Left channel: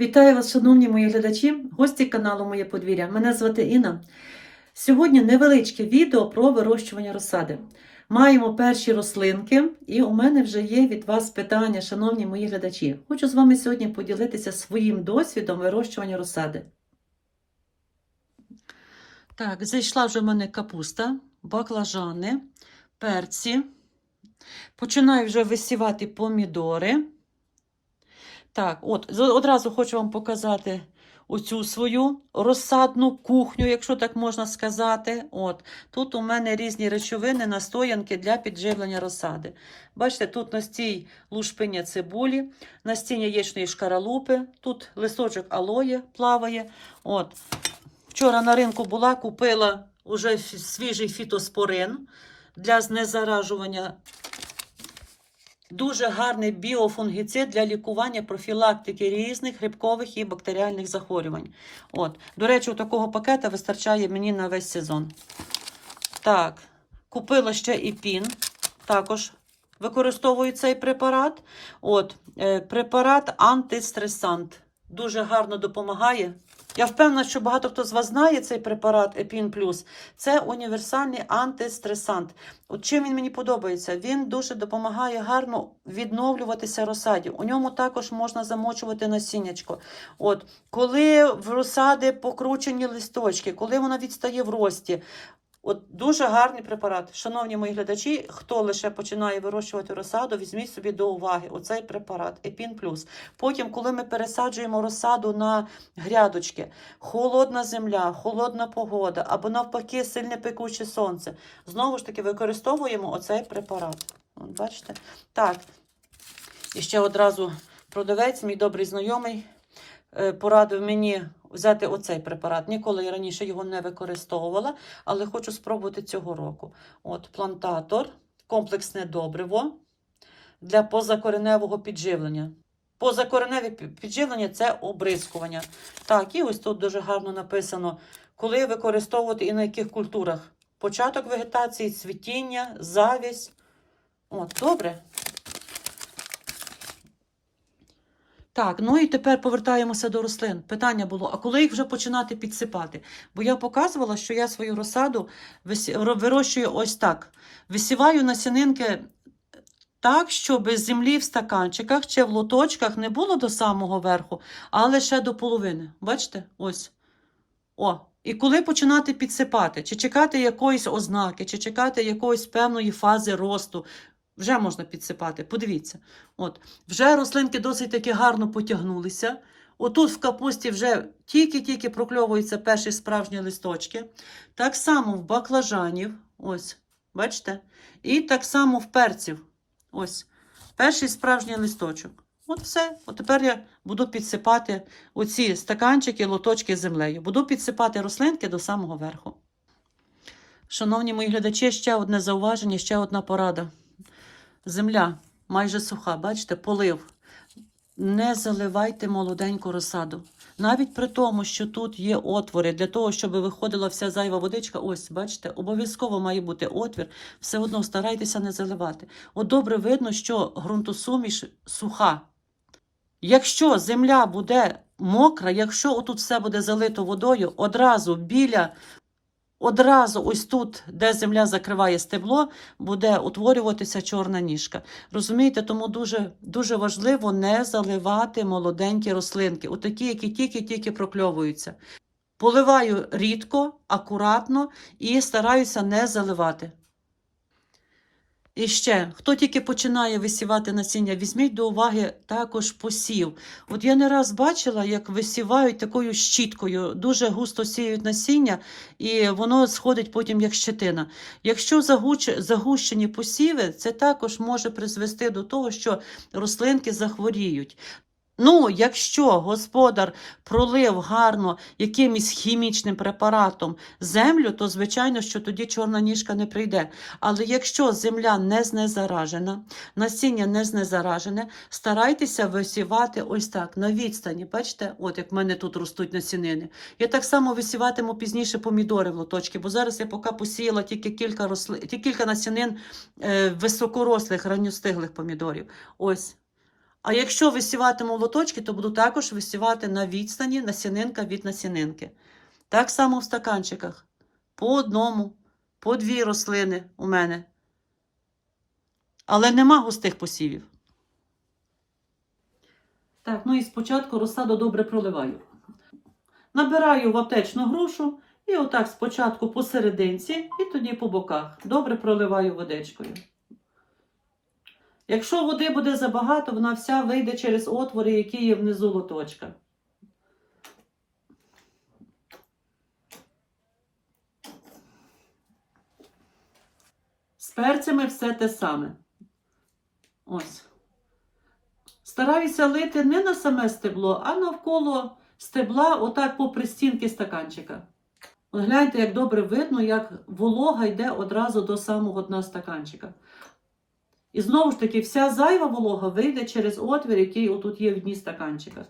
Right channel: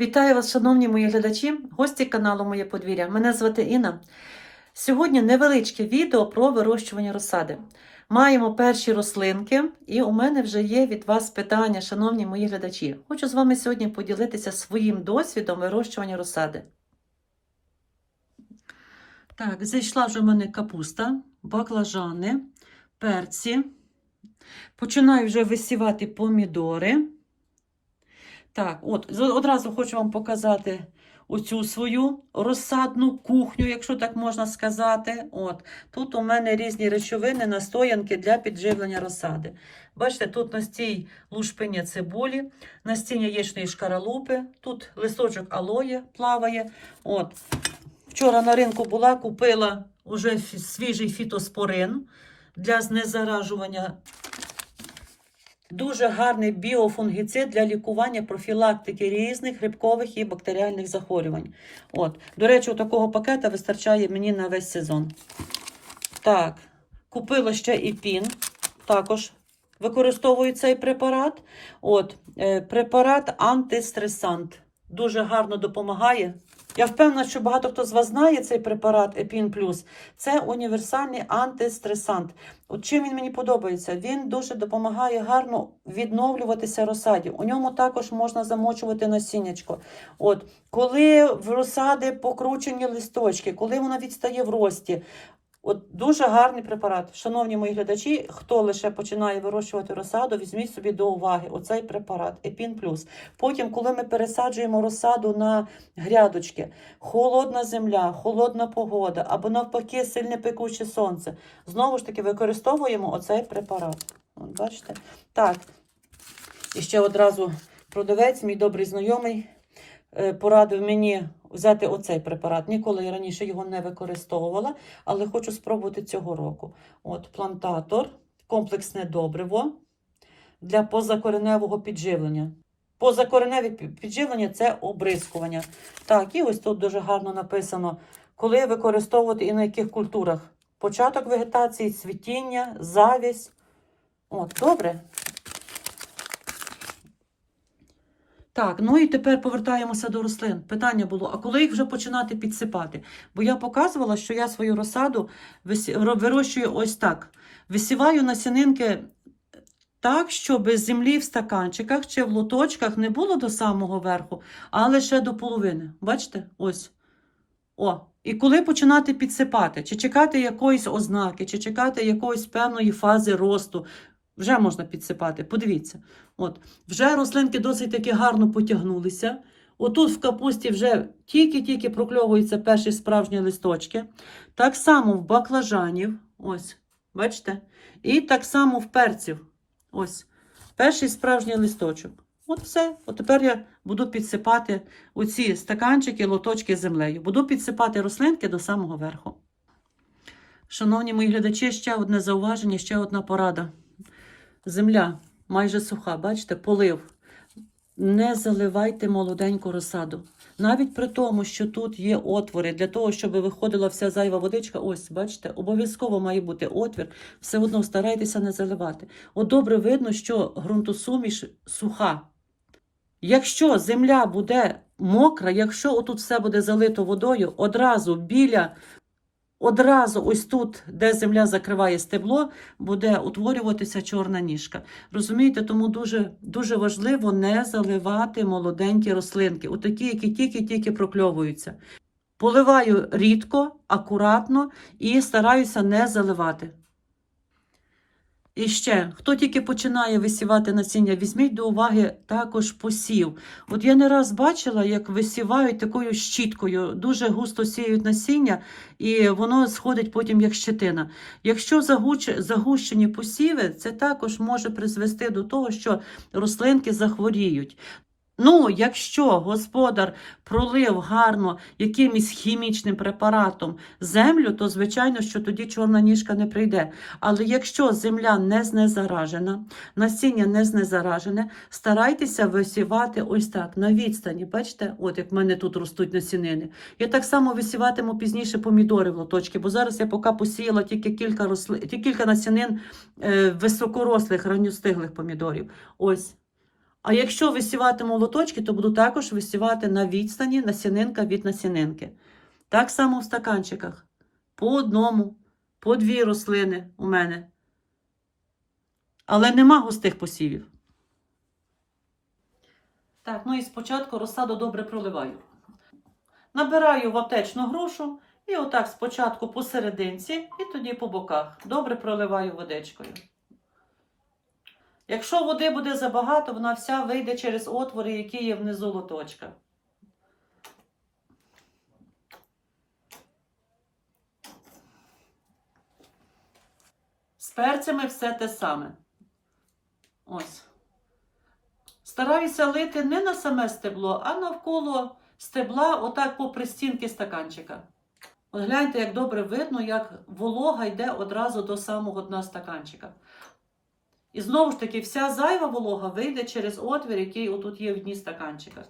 Вітаю вас, шановні мої глядачі, гості каналу Моє подвір'я. Мене звати Інна. Сьогодні невеличке відео про вирощування розсади. Маємо перші рослинки, і у мене вже є від вас питання, шановні мої глядачі. Хочу з вами сьогодні поділитися своїм досвідом вирощування розсади. Так, зайшла вже в мене капуста, баклажани, перці. Починаю вже висівати помідори. Так, от одразу хочу вам показати оцю свою розсадну кухню, якщо так можна сказати. От тут у мене різні речовини, настоянки для підживлення розсади. Бачите, тут настій лушпиня цибулі, настіння яєчної шкаралупи, тут листочок алоє плаває. От. Вчора на ринку була, купила уже свіжий фітоспорин для знезаражування Дуже гарний біофунгіцид для лікування профілактики різних грибкових і бактеріальних захворювань. От. До речі, такого пакета вистачає мені на весь сезон. Так, купила ще і пін. Також використовую цей препарат. От, е, препарат антистресант. Дуже гарно допомагає. Я впевнена, що багато хто з вас знає цей препарат Епін Плюс. Це універсальний антистресант. От чим він мені подобається? Він дуже допомагає гарно відновлюватися розсаді. У ньому також можна замочувати насіннячко. От, коли в розсади покручені листочки, коли вона відстає в рості. От дуже гарний препарат. Шановні мої глядачі, хто лише починає вирощувати розсаду, візьміть собі до уваги оцей препарат Епін Плюс. Потім, коли ми пересаджуємо розсаду на грядочки, холодна земля, холодна погода або навпаки сильне пекуче сонце, знову ж таки використовуємо оцей препарат. От бачите? Так. І ще одразу продавець, мій добрий знайомий, е, порадив мені взяти оцей препарат. Ніколи я раніше його не використовувала, але хочу спробувати цього року. От плантатор, комплексне добриво для позакореневого підживлення. Позакореневе підживлення це обрискування. Так, і ось тут дуже гарно написано, коли використовувати і на яких культурах. Початок вегетації, цвітіння, завість. От, добре. Так, ну і тепер повертаємося до рослин. Питання було: а коли їх вже починати підсипати? Бо я показувала, що я свою розсаду вирощую ось так. Висіваю насінинки так, щоб землі в стаканчиках чи в лоточках не було до самого верху, а лише до половини. Бачите? Ось. О. І коли починати підсипати, чи чекати якоїсь ознаки, чи чекати якоїсь певної фази росту, вже можна підсипати. Подивіться. От. Вже рослинки досить таки гарно потягнулися. Отут в капусті вже тільки-тільки прокльовуються перші справжні листочки. Так само в баклажанів, ось, бачите? І так само в перців. Ось, перший справжній листочок. От все. От тепер я буду підсипати оці стаканчики, лоточки землею. Буду підсипати рослинки до самого верху. Шановні мої глядачі, ще одне зауваження, ще одна порада. Земля майже суха, бачите, полив. Не заливайте молоденьку розсаду. Навіть при тому, що тут є отвори для того, щоб виходила вся зайва водичка, ось, бачите, обов'язково має бути отвір, все одно старайтеся не заливати. От добре видно, що ґрунтосуміш суха. Якщо земля буде мокра, якщо отут все буде залито водою, одразу біля, одразу ось тут, де земля закриває стебло, буде утворюватися чорна ніжка. Розумієте, тому дуже, дуже важливо не заливати молоденькі рослинки, отакі, які тільки-тільки прокльовуються. Поливаю рідко, акуратно і стараюся не заливати. І ще, хто тільки починає висівати насіння, візьміть до уваги також посів. От я не раз бачила, як висівають такою щіткою, дуже густо сіють насіння, і воно сходить потім як щетина. Якщо загущені посіви, це також може призвести до того, що рослинки захворіють. Ну, якщо господар пролив гарно якимось хімічним препаратом землю, то звичайно, що тоді чорна ніжка не прийде. Але якщо земля не знезаражена, насіння не знезаражене, старайтеся висівати ось так на відстані. Бачите, от як в мене тут ростуть насінини. Я так само висіватиму пізніше помідори в лоточки, бо зараз я поки посіяла тільки кілька росли... тільки кілька насінин е, високорослих, ранньостиглих помідорів. Ось. А якщо висіватиму лоточки, то буду також висівати на відстані насінинка від насінинки. Так само в стаканчиках. По одному, по дві рослини у мене. Але нема густих посівів. Так, ну і спочатку розсаду добре проливаю. Набираю в аптечну грушу і отак спочатку посерединці і тоді по боках. Добре проливаю водичкою. Якщо води буде забагато, вона вся вийде через отвори, які є внизу лоточка. З перцями все те саме. Ось. Стараюся лити не на саме стебло, а навколо стебла, отак попри стінки стаканчика. От гляньте, як добре видно, як волога йде одразу до самого дна стаканчика. І знову ж таки, вся зайва волога вийде через отвір, який отут є в дні стаканчика.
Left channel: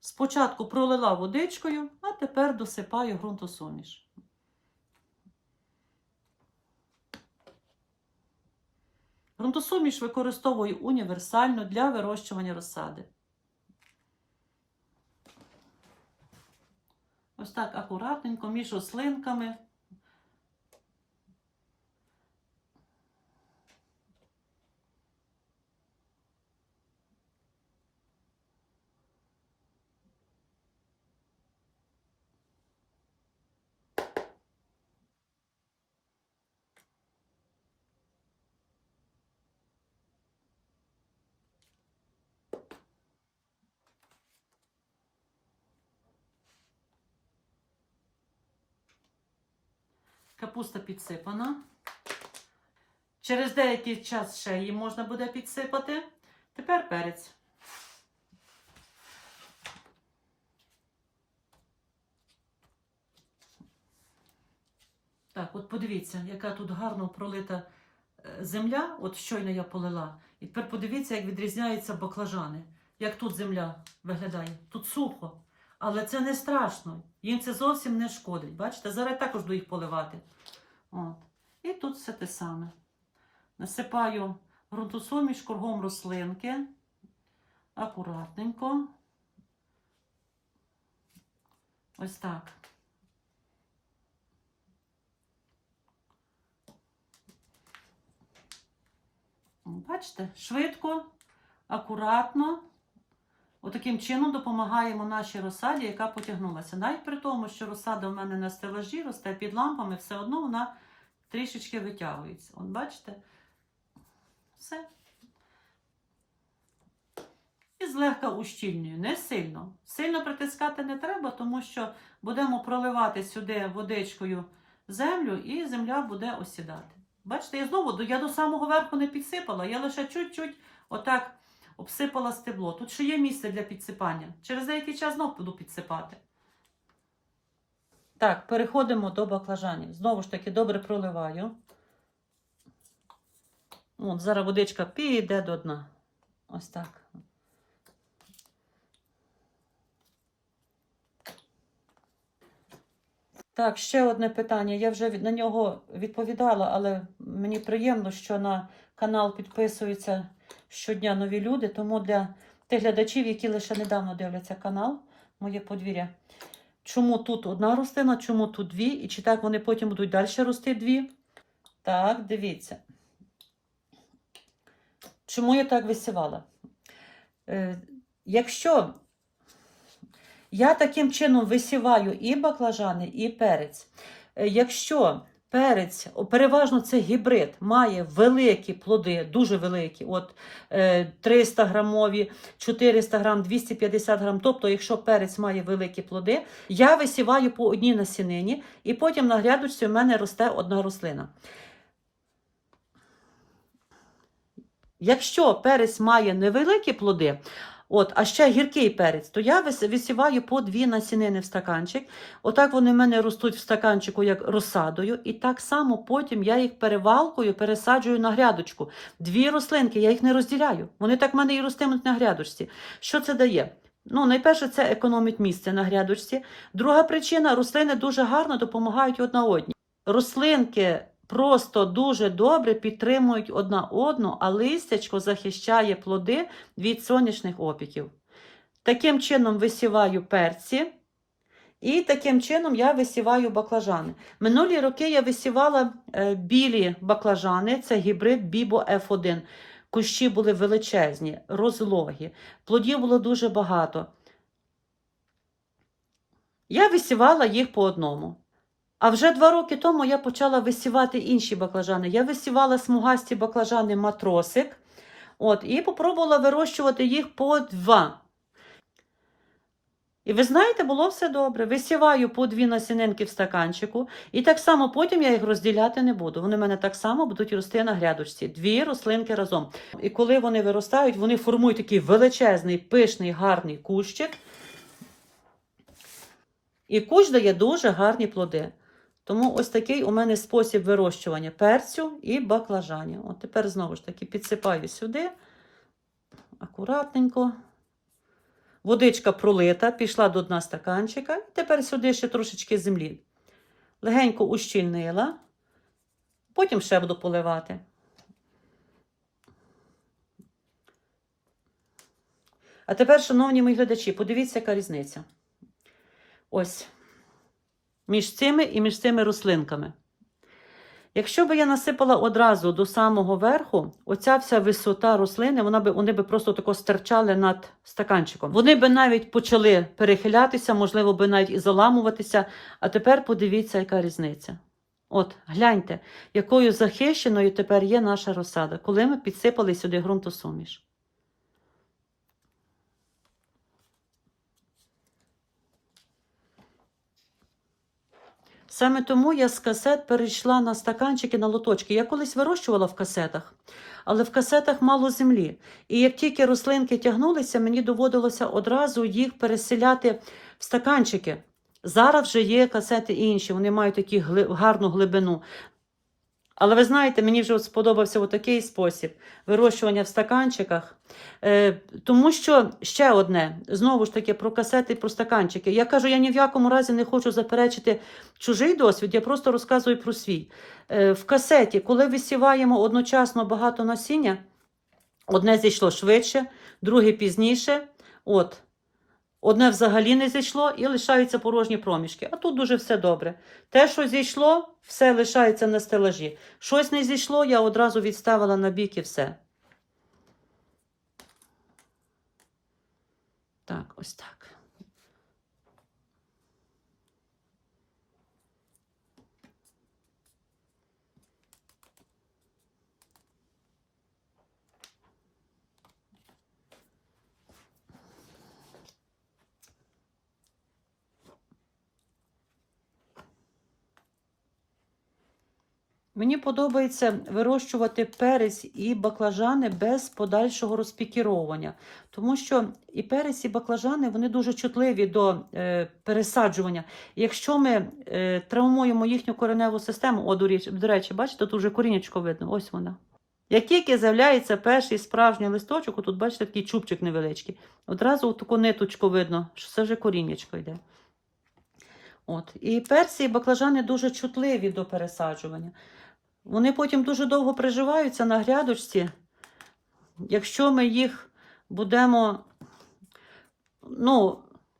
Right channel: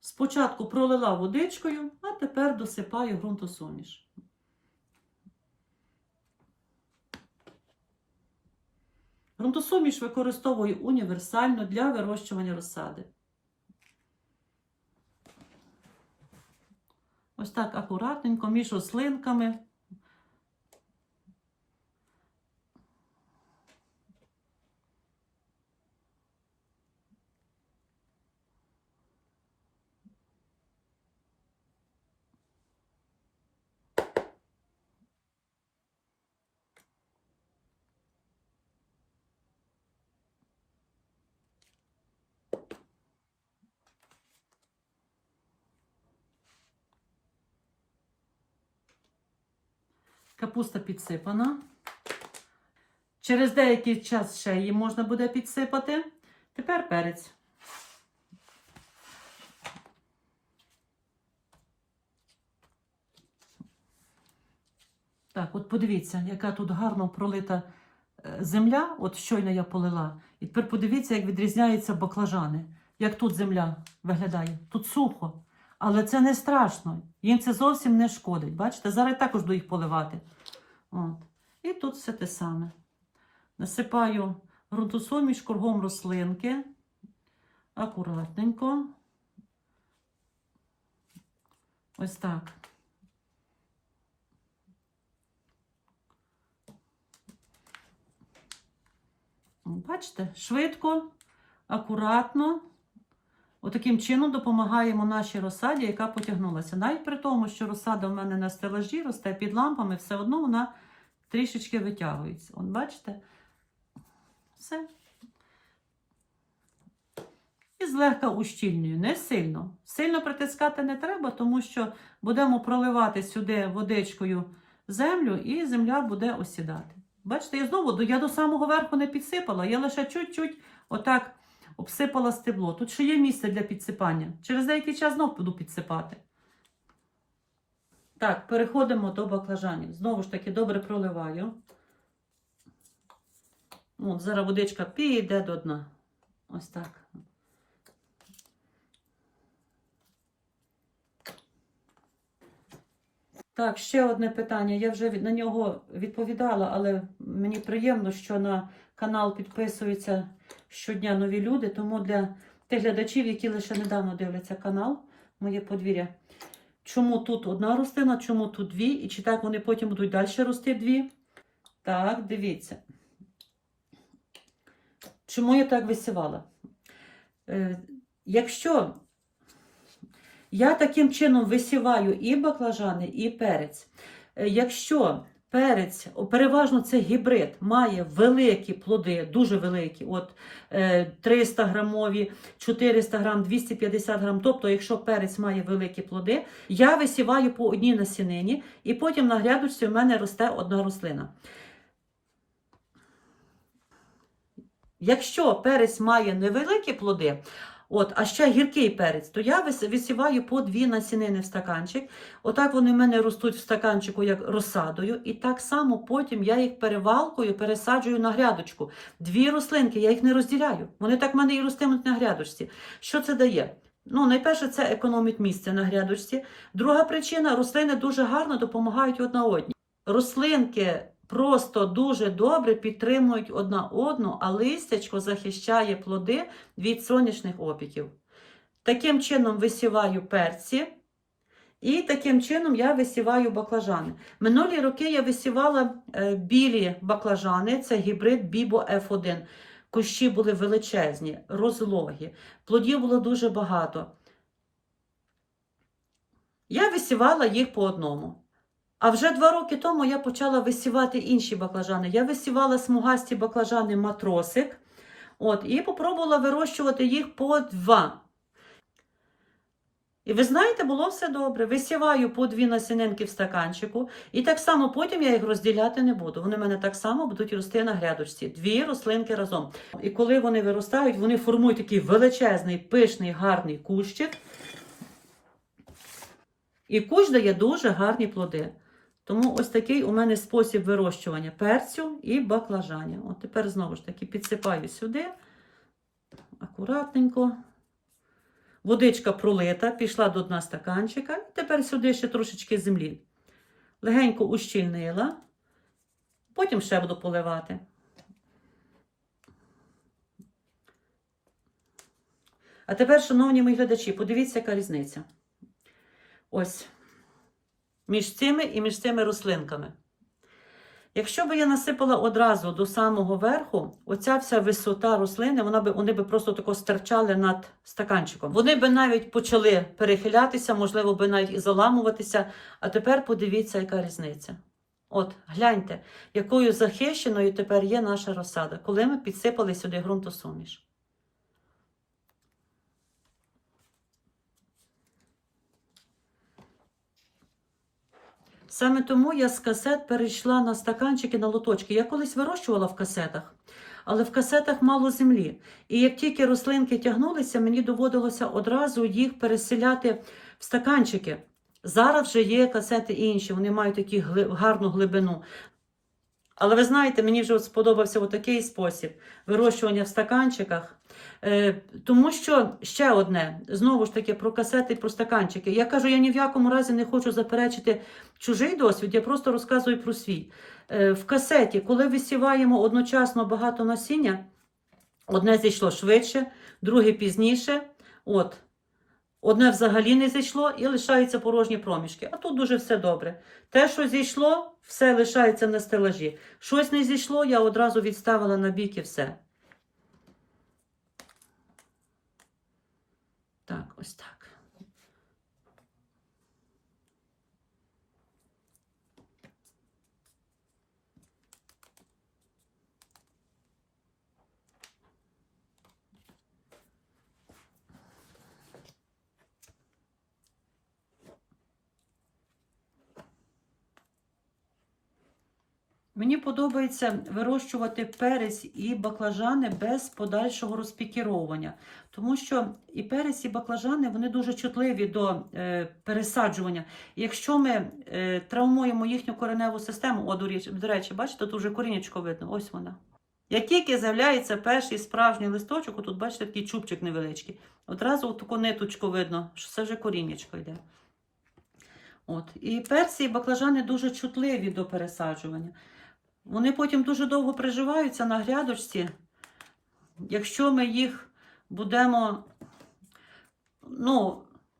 Спочатку пролила водичкою, а тепер досипаю ґрунтосуміш. Ґрунтосуміш використовую універсально для вирощування розсади. Ось так акуратненько, між рослинками. Капуста підсипана. Через деякий час ще її можна буде підсипати. Тепер перець. Так, от подивіться, яка тут гарно пролита е, земля. От щойно я полила. І тепер подивіться, як відрізняються баклажани. Як тут земля виглядає. Тут сухо. Але це не страшно. Їм це зовсім не шкодить. Бачите, зараз також буду їх поливати. От. І тут все те саме. Насипаю ґрунтосуміш кругом рослинки. Акуратненько. Ось так. Бачите, швидко, акуратно. Отаким чином допомагаємо нашій розсаді, яка потягнулася. Навіть при тому, що розсада в мене на стелажі росте під лампами, все одно вона трішечки витягується. От бачите? Все. І злегка ущільнюю, не сильно. Сильно притискати не треба, тому що будемо проливати сюди водичкою землю, і земля буде осідати. Бачите, я знову я до самого верху не підсипала, я лише чуть-чуть отак обсипала стебло. Тут ще є місце для підсипання. Через деякий час знову буду підсипати. Так, переходимо до баклажанів. Знову ж таки, добре проливаю. От, зараз водичка піде до дна. Ось так. Так, ще одне питання. Я вже на нього відповідала, але мені приємно, що на канал підписуються щодня нові люди. Тому для тих глядачів, які лише недавно дивляться канал, моє подвір'я. Чому тут одна рослина, чому тут дві, і чи так вони потім будуть далі рости дві? Так, дивіться. Чому я так висівала? Е, якщо я таким чином висіваю і баклажани, і перець. Е, Якщо перець, переважно це гібрид, має великі плоди, дуже великі, от е, 300 грамові, 400 грам, 250 грам. Тобто, якщо перець має великі плоди, я висіваю по одній насінині, і потім на грядочці в мене росте одна рослина. Якщо перець має невеликі плоди, От, а ще гіркий перець, то я висіваю по дві насінини в стаканчик. Отак вони в мене ростуть в стаканчику як розсадою. І так само потім я їх перевалкою пересаджую на грядочку. Дві рослинки, я їх не розділяю. Вони так в мене і ростимуть на грядочці. Що це дає? Ну, найперше, це економить місце на грядочці. Друга причина рослини дуже гарно допомагають одна одній. Рослинки просто дуже добре підтримують одна одну, а листячко захищає плоди від сонячних опіків. Таким чином висіваю перці. І таким чином я висіваю баклажани. Минулі роки я висівала е, білі баклажани, це гібрид Бібо F1. Кущі були величезні, розлогі, плодів було дуже багато. Я висівала їх по одному. А вже два роки тому я почала висівати інші баклажани. Я висівала смугасті баклажани матросик. От, і попробувала вирощувати їх по два. І ви знаєте, було все добре. Висіваю по дві насінинки в стаканчику, і так само потім я їх розділяти не буду. Вони в мене так само будуть рости на грядочці. Дві рослинки разом. І коли вони виростають, вони формують такий величезний, пишний, гарний кущик. І кущ дає дуже гарні плоди. Тому ось такий у мене спосіб вирощування перцю і баклажанів. От тепер знову ж таки підсипаю сюди. Акуратненько. Водичка пролита, пішла до дна стаканчика. І тепер сюди ще трошечки землі. Легенько ущільнила. Потім ще буду поливати. А тепер, шановні мої глядачі, подивіться, яка різниця. Ось. Між цими і між цими рослинками. Якщо би я насипала одразу до самого верху, оця вся висота рослини, вона би, вони би просто тако стирчали над стаканчиком. Вони би навіть почали перехилятися, можливо, би навіть і заламуватися. А тепер подивіться, яка різниця. От, гляньте, якою захищеною тепер є наша розсада, коли ми підсипали сюди ґрунтосуміш. Саме тому я з касет перейшла на стаканчики, на лоточки. Я колись вирощувала в касетах, але в касетах мало землі. І як тільки рослинки тягнулися, мені доводилося одразу їх переселяти в стаканчики. Зараз вже є касети інші, вони мають таку гарну глибину. Але ви знаєте, мені вже сподобався отакий спосіб вирощування в стаканчиках. Е, тому що ще одне, знову ж таки, про касети про стаканчики. Я кажу, я ні в якому разі не хочу заперечити чужий досвід, я просто розказую про свій. Е, в касеті, коли висіваємо одночасно багато насіння, одне зійшло швидше, друге пізніше. От. Одне взагалі не зійшло і лишаються порожні проміжки. А тут дуже все добре. Те, що зійшло, все лишається на стелажі. Щось не зійшло, я одразу відставила на бік і все. Так, ось так. Мені подобається вирощувати перець і баклажани без подальшого розпікіровування, тому що і перець, і баклажани вони дуже чутливі до е, пересаджування. Якщо ми е, травмуємо їхню кореневу систему, о, до речі, бачите, тут вже корінечко видно, ось вона. Як тільки з'являється перший справжній листочок, тут бачите такий чубчик невеличкий, одразу таку ниточку видно, що це вже корінечко йде. От. І перці і баклажани дуже чутливі до пересаджування. Вони потім дуже довго приживаються на грядочці. Якщо ми їх будемо, ну,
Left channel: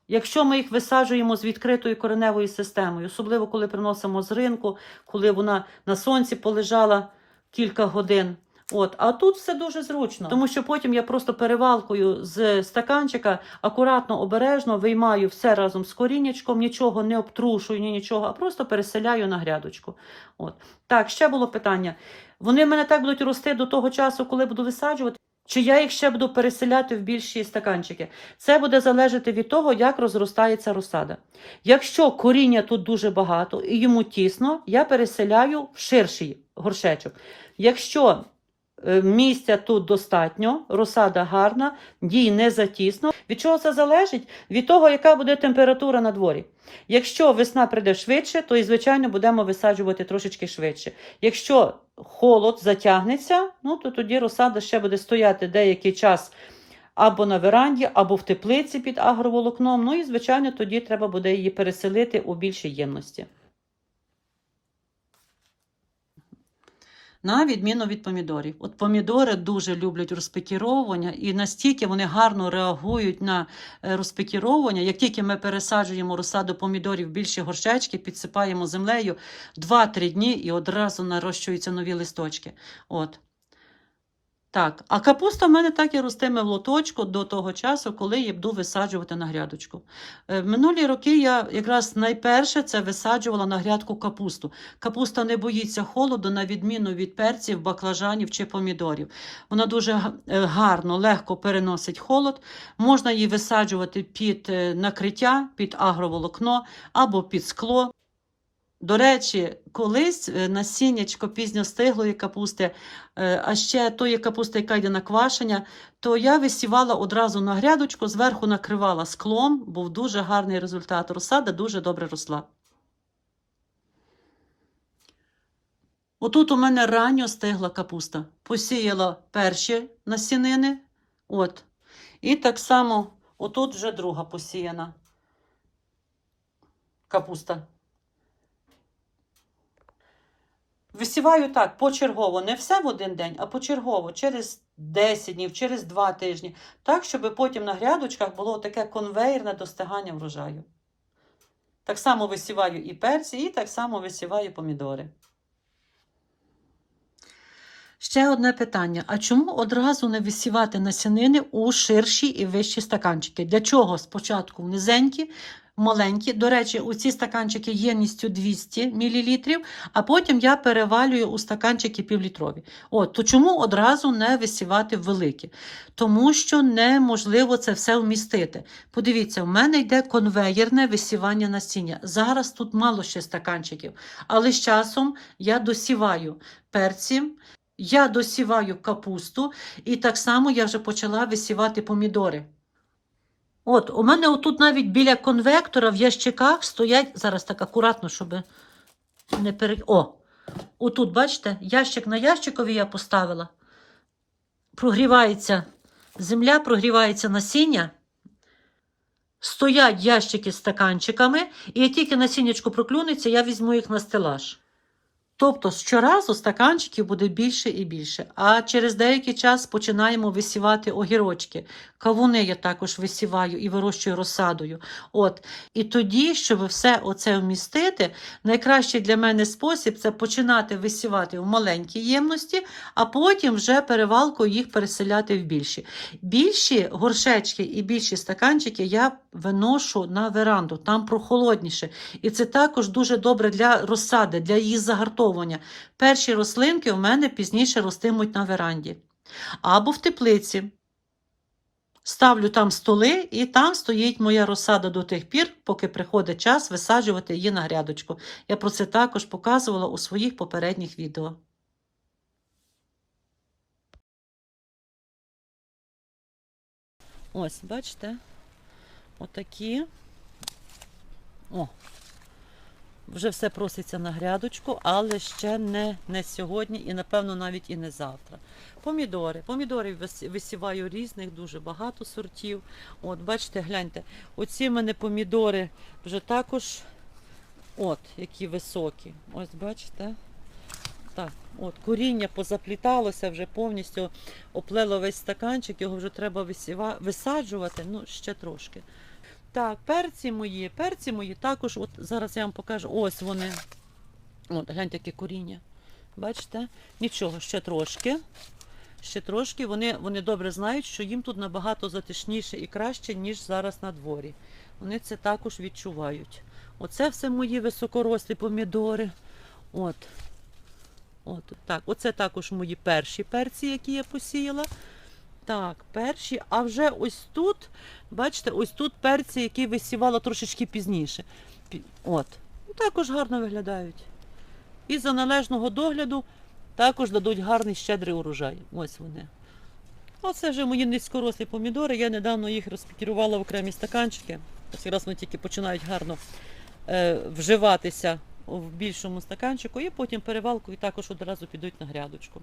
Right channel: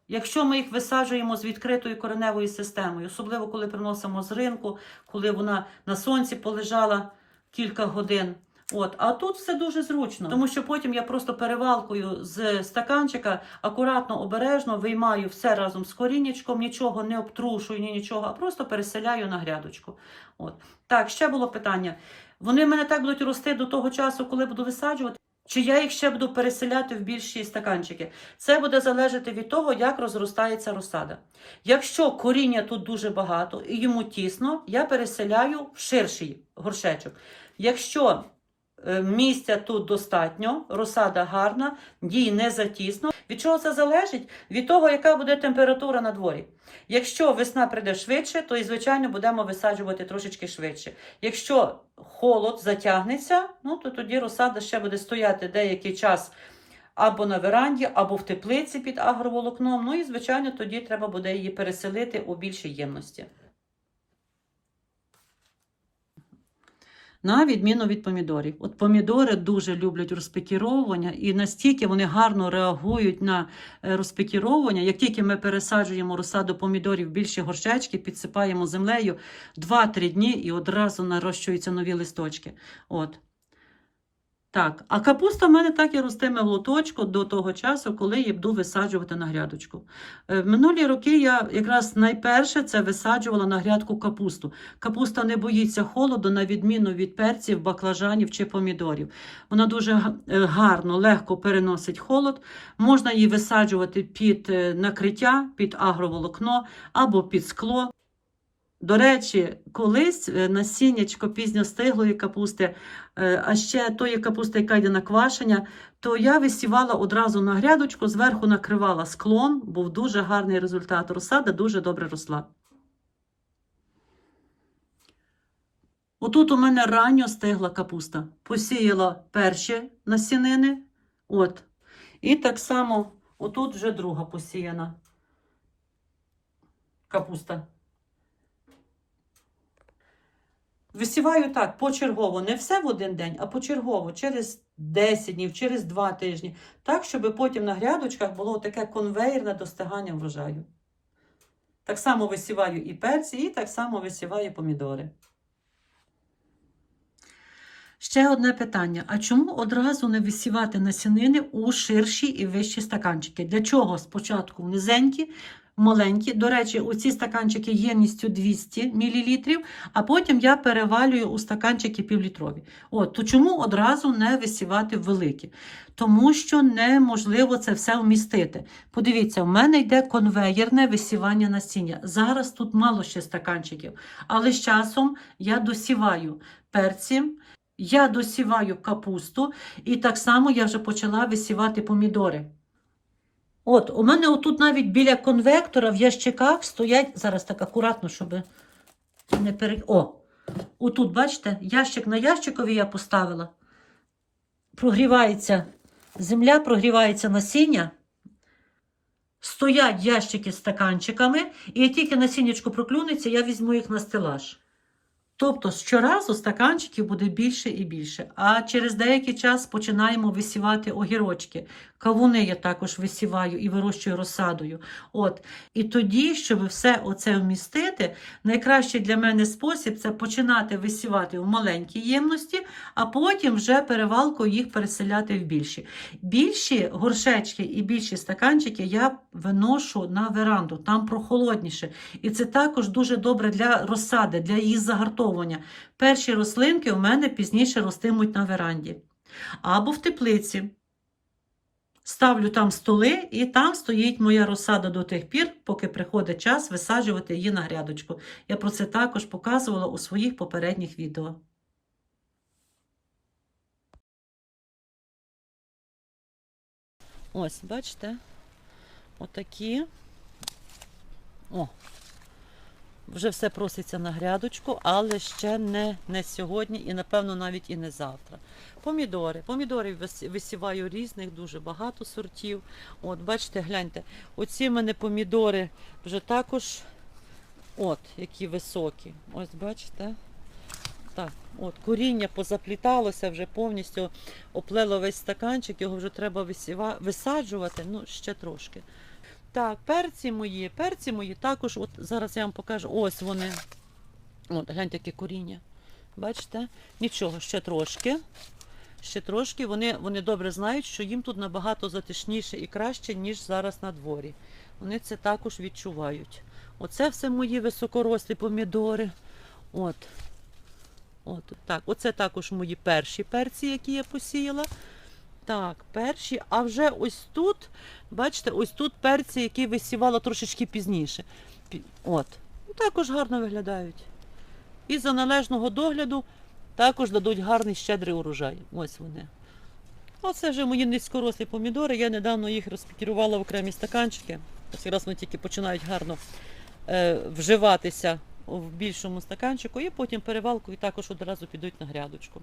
якщо ми їх висаджуємо з відкритою кореневою системою, особливо коли приносимо з ринку, коли вона на сонці полежала кілька годин. От, а тут все дуже зручно, тому що потім я просто перевалкою з стаканчика акуратно, обережно виймаю все разом з корінечком, нічого не обтрушую, ні нічого, а просто переселяю на грядочку. От. Так, ще було питання. Вони в мене так будуть рости до того часу, коли буду висаджувати, чи я їх ще буду переселяти в більші стаканчики. Це буде залежати від того, як розростається розсада. Якщо коріння тут дуже багато і йому тісно, я переселяю в ширший горшечок. Якщо місця тут достатньо, розсада гарна, їй не затісно. Від чого це залежить? Від того, яка буде температура на дворі. Якщо весна прийде швидше, то і, звичайно, будемо висаджувати трошечки швидше. Якщо холод затягнеться, ну то тоді розсада ще буде стояти деякий час або на веранді, або в теплиці під агроволокном. Ну і, звичайно, тоді треба буде її переселити у більшій ємності. На відміну від помідорів. От помідори дуже люблять розпекіровування, і настільки вони гарно реагують на е, розпекіровування. Як тільки ми пересаджуємо розсаду помідорів в більші горшечки, підсипаємо землею 2-3 дні і одразу нарощуються нові листочки. От. Так, а капуста в мене так і ростиме в лоточку до того часу, коли її буду висаджувати на грядочку. Е, В минулі роки я якраз найперше це висаджувала на грядку капусту. Капуста не боїться холоду, на відміну від перців, баклажанів чи помідорів. Вона дуже е, гарно, легко переносить холод. Можна її висаджувати під е, накриття, під агроволокно або під скло. До речі, колись е, насіннячко пізньостиглої капусти, е, а ще тої капусти, яка йде на квашення, то я висівала одразу на грядочку, зверху накривала склом, був дуже гарний результат. Розсада дуже добре росла. Отут у мене ранньо стигла капуста. Посіяла перші насінини. От. І так само отут вже друга посіяна капуста. Висіваю так почергово, не все в один день, а почергово, через 10 днів, через 2 тижні, так, щоб потім на грядочках було таке конвейерне достигання врожаю. Так само висіваю і перці, і так само висіваю помідори. Ще одне питання: а чому одразу не висівати насінини у ширші і вищі стаканчики? Для чого спочатку низенькі, маленькі? До речі, у ці стаканчики ємністю 200 мл, а потім я перевалюю у стаканчики півлітрові. От, то чому одразу не висівати великі? Тому що неможливо це все вмістити. Подивіться, в мене йде конвеєрне висівання насіння. Зараз тут мало ще стаканчиків, але з часом я досіваю перці. Я досіваю капусту, і так само я вже почала висівати помідори. От, у мене отут навіть біля конвектора в ящиках стоять, зараз так акуратно, щоб не пере... О, отут, бачите, ящик на ящикові я поставила. Прогрівається земля, прогрівається насіння. Стоять ящики з стаканчиками, і як тільки насіннячко проклюнеться, я візьму їх на стелаж. Тобто щоразу стаканчиків буде більше і більше. А через деякий час починаємо висівати огірочки. Кавуни я також висіваю і вирощую розсадою. От. І тоді, щоб все оце вмістити, найкращий для мене спосіб це починати висівати в маленькій ємності, а потім вже перевалкою їх переселяти в більші. Більші горшечки і більші стаканчики я виношу на веранду, там прохолодніше. І це також дуже добре для розсади, для її загартовування. Перші рослинки у мене пізніше ростимуть на веранді. Або в теплиці. Ставлю там столи, і там стоїть моя розсада до тих пір, поки приходить час висаджувати її на грядочку. Я про це також показувала у своїх попередніх відео. Ось, бачите? Отакі. О, вже все проситься на грядочку, але ще не, не сьогодні і, напевно, навіть і не завтра. Помідори. Помідори висіваю різних, дуже багато сортів. От, бачите, гляньте, оці в мене помідори вже також, от, які високі. Ось, бачите? Так, от, коріння позапліталося, вже повністю оплело весь стаканчик, його вже треба висіва... висаджувати, ну, ще трошки. Так, перці мої, перці мої також, от зараз я вам покажу, ось вони. От, гляньте, яке коріння. Бачите? Нічого, ще трошки. Ще трошки. Вони, вони добре знають, що їм тут набагато затишніше і краще, ніж зараз на дворі. Вони це також відчувають. Оце все мої високорослі помідори. От. От, так, оце також мої перші перці, які я посіяла. Так, перші, а вже ось тут, бачите, ось тут перці, які висівала трошечки пізніше. От. Ну, Також гарно виглядають. І за належного догляду також дадуть гарний щедрий урожай. Ось вони. Оце вже мої низькорослі помідори. Я недавно їх розпікірувала в окремі стаканчики. Ось якраз вони тільки починають гарно е, вживатися в більшому стаканчику, і потім перевалкою також одразу підуть на грядочку.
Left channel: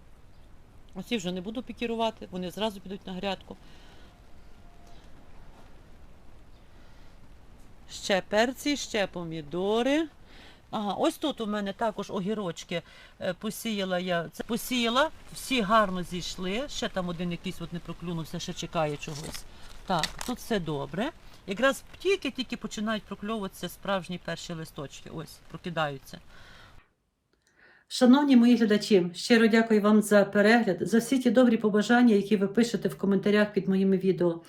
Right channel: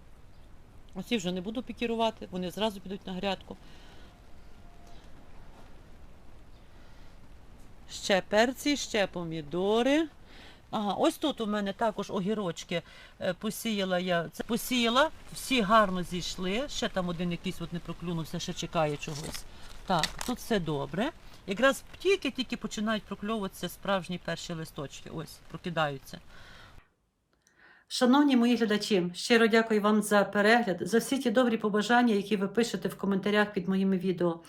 Оці вже не буду пікірувати, вони зразу підуть на грядку. Ще перці, ще помідори. Ага, ось тут у мене також огірочки е, посіяла я. Це посіяла, всі гарно зійшли. Ще там один якийсь от не проклюнувся, ще чекає чогось. Так, тут все добре. Якраз тільки-тільки починають прокльовуватися справжні перші листочки. Ось, прокидаються. Шановні мої глядачі, щиро дякую вам за перегляд, за всі ті добрі побажання, які ви пишете в коментарях під моїми відео.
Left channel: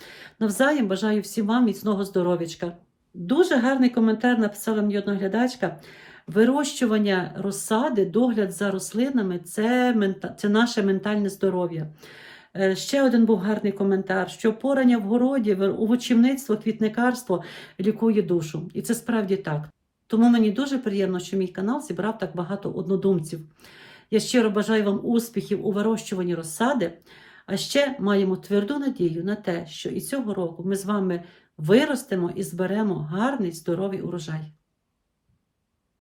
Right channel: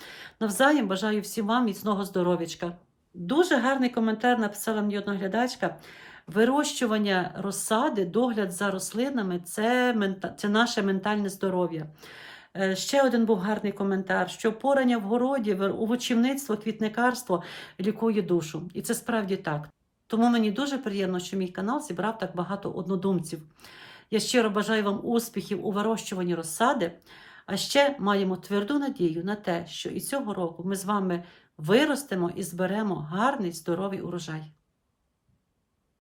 Навзаєм бажаю всім вам міцного здоров'ячка. Дуже гарний коментар написала мені одна глядачка. Вирощування розсади, догляд за рослинами це, це наше ментальне здоров'я. Е, Ще один був гарний коментар, що порання в городі, овочівництво, квітникарство лікує душу. І це справді так. Тому мені дуже приємно, що мій канал зібрав так багато однодумців. Я щиро бажаю вам успіхів у вирощуванні розсади, а ще маємо тверду надію на те, що і цього року ми з вами виростемо і зберемо гарний здоровий урожай.